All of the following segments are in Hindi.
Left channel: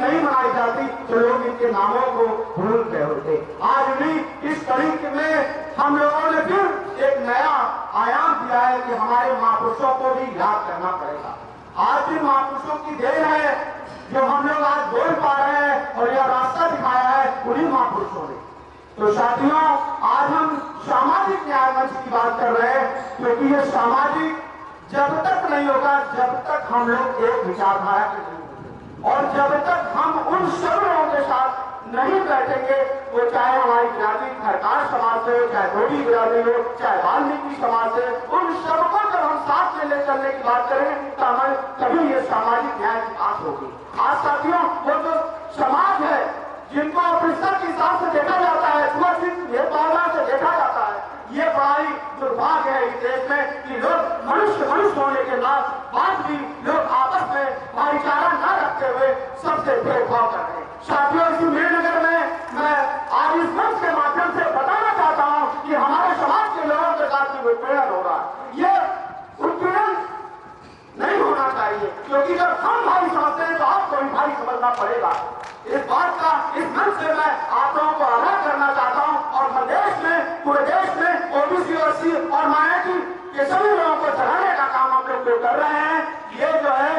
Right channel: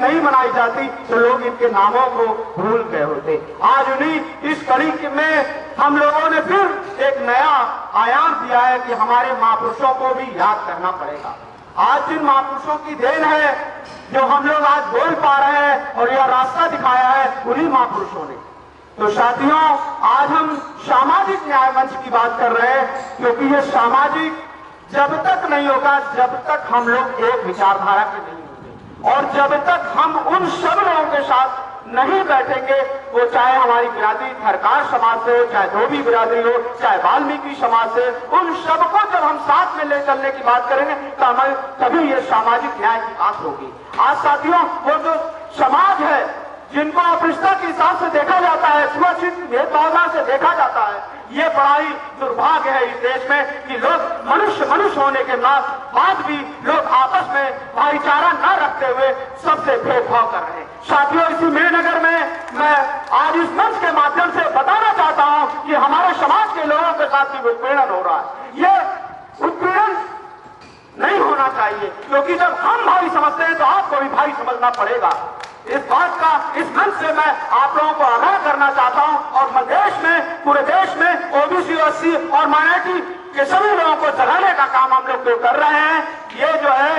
नहीं मनाई जाती तो लोग इनके नामों को भूल गए होते। आज उन्हीं इस कड़ी में हम लोगों ने फिर एक नया आयाम दिया है कि हमारे महापुरुषों को भी याद करना पड़ेगा। आज जिन महापुरुषों की देन है जो हम लोग आज बोल पा रहे हैं और यह रास्ता दिखाया है उन्हीं महापुरुषों ने। तो साथियों, आज हम सामाजिक न्याय मंच की बात कर रहे हैं, क्योंकि ये सामाजिक जब तक नहीं होगा जब तक हम लोग एक विचारधारा के नहीं होंगे, और जब तक हम उन सब लोगों के साथ नहीं बैठेंगे, वो चाहे हमारी बिरादरी थरकार समाज से हो, चाहे धोबी बिरादरी हो, चाहे वाल्मीकि समाज से, उन सबको जब हम साथ में ले चलने की बात करेंगे तो हमें तभी ये सामाजिक न्याय की बात होगी। आज साथियों, वो जो समाज है जिनको अपरिष्ठता के हिसाब से देखा जाता है, छुआछूत भेदभावना से देखा जाता है, ये बड़ा ही दुर्भाग्य है इस देश में कि लोग मनुष्य होने के बाद भी लोग आपस में भाईचारा न रखते हुए सबसे भेदभाव कर रहे हैं। साथियों, इसी मेहनगर में मैं आज इस मंच के माध्यम से बताना चाहता हूं कि हमारे समाज के लोगों के साथ भी उत्पीड़न हो रहा है। ये उत्पीड़न नहीं होना चाहिए, क्योंकि जब हम भाई समझते हैं तो आपको भी भाई समझना पड़ेगा। इस बात का इस मंच से मैं आप लोगों को आगाह करना चाहता हूं, और देश में, पूरे देश में ओबीसी, एससी और माइनॉरिटी के सभी लोगों को जगाने का काम हम लोग जो कर रहे हैं, ये जो है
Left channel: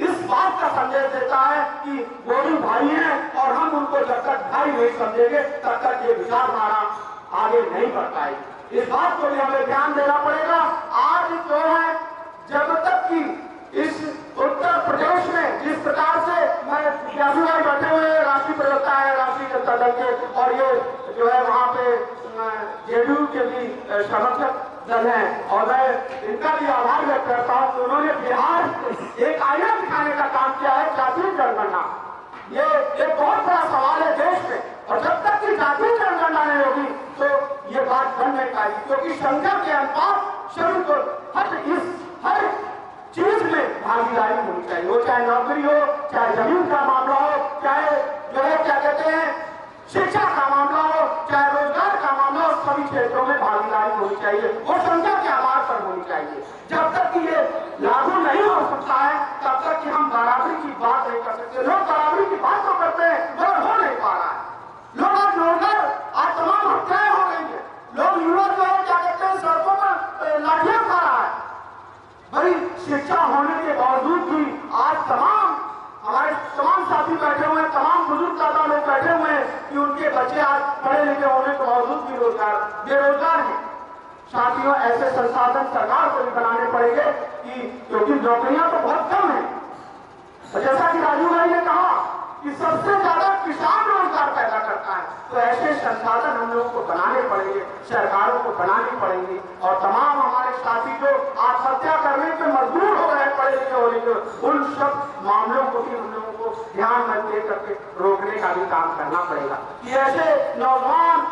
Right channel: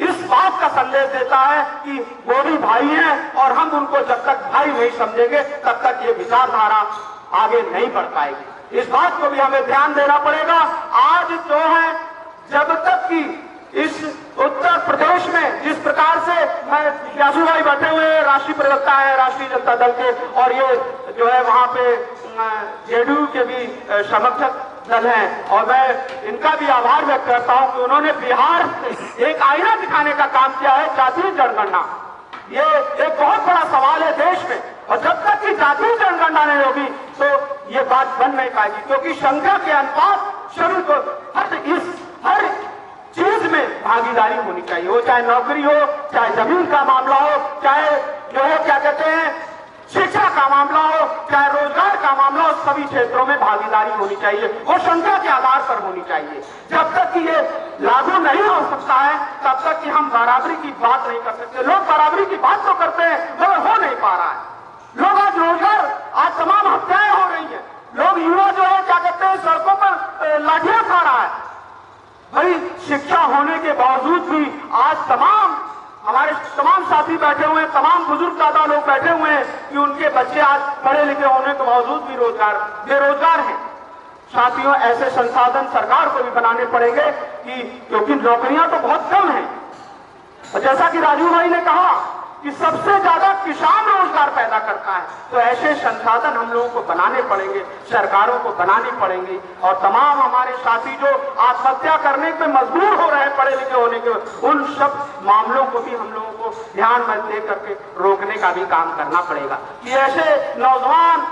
इस बात का संदेश देता है कि वो भी भाई हैं, और हम उनको जब तक भाई नहीं समझेंगे तब तक ये विचारधारा आगे नहीं बढ़ पाएगी। इस बात को भी हमें ध्यान देना पड़ेगा। आज जो है, जब तक कि इस उत्तर प्रदेश में जिस प्रकार से यासू भाई बैठे हुए राष्ट्रीय प्रवक्ता है राष्ट्रीय जनता दल के, और ये जो है वहां पे जेडीयू के भी समर्थक दल हैं, और मैं इनका भी आभार व्यक्त करता हूं कि उन्होंने बिहार से एक आईना दिखाने का काम किया है, जातीय जनगणना। ये एक बहुत बड़ा सवाल है देश में, और जब तक कि जातीय जनगणना नहीं होगी तो ये बात बन नहीं पाएगी, क्योंकि संख्या के अनुपात सभी को हर चीज में भागीदारी होनी चाहिए, वो चाहे नौकरी हो, चाहे जमीन का मामला हो, चाहे जो है क्या कहते हैं शिक्षा का मामला हो, चाहे रोजगार का मामला हो, सभी क्षेत्रों में भागीदारी होनी चाहिए, वो संख्या के आधार पर होनी चाहिए। जब तक कि ये लागू नहीं हो सकता है तब तक कि हम बराबरी की बात नहीं कर सकते। लोग बराबरी की बात तो करते हैं मगर हो नहीं पा रहा है। लोग आज रोजगार, आज तमाम हत्याएं हो रही है, लोग युवा जो है क्या कहते हैं सड़कों पर लाठियां खा रहा है। भाई, शिक्षा होने के बावजूद भी आज हमारे तमाम साथी बैठे हुए हैं, तमाम बुजुर्ग दादा लोग बैठे हुए हैं कि उनके बच्चे आज पढ़े लिखे होने के बावजूद भी बेरोजगार हैं। साथियों, ऐसे संसाधन सरकार को भी बनाने पड़ेंगे क्योंकि नौकरियां तो बहुत कम हैं, और जैसा कि राजू भाई ने कहा कि सबसे ज्यादा किसान रोजगार पैदा करता है, तो ऐसे संसाधन हम लोगों को बनाने पड़ेंगे, सरकारों को बनानी पड़ेंगी, और तमाम हमारे साथी जो आत्महत्या करने पे मजबूर हो रहे हैं पढ़े लिखे होने के, उन सब मामलों को भी हम लोगों को ध्यान में दे करके रोकने का भी काम करना पड़ेगा कि ऐसे नौजवान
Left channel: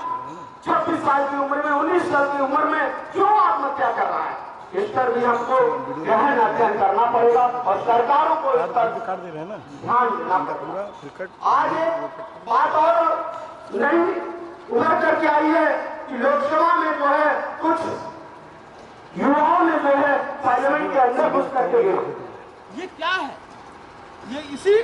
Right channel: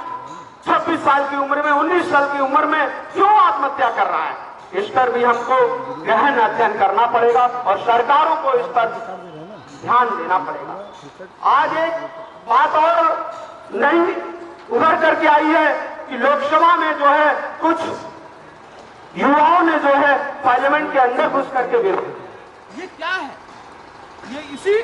26 साल की उम्र में, 19 साल की उम्र में क्यों आत्महत्या कर रहा है, इस पर भी हमको गहन अध्ययन करना पड़ेगा, और सरकारों को इस पर ध्यान देना पड़ेगा। आज एक बात और नई उभर करके आई है कि लोकसभा में जो है कुछ युवाओं ने जो है पार्लियामेंट के अंदर घुस करके विरोध। ये क्या है? ये इसी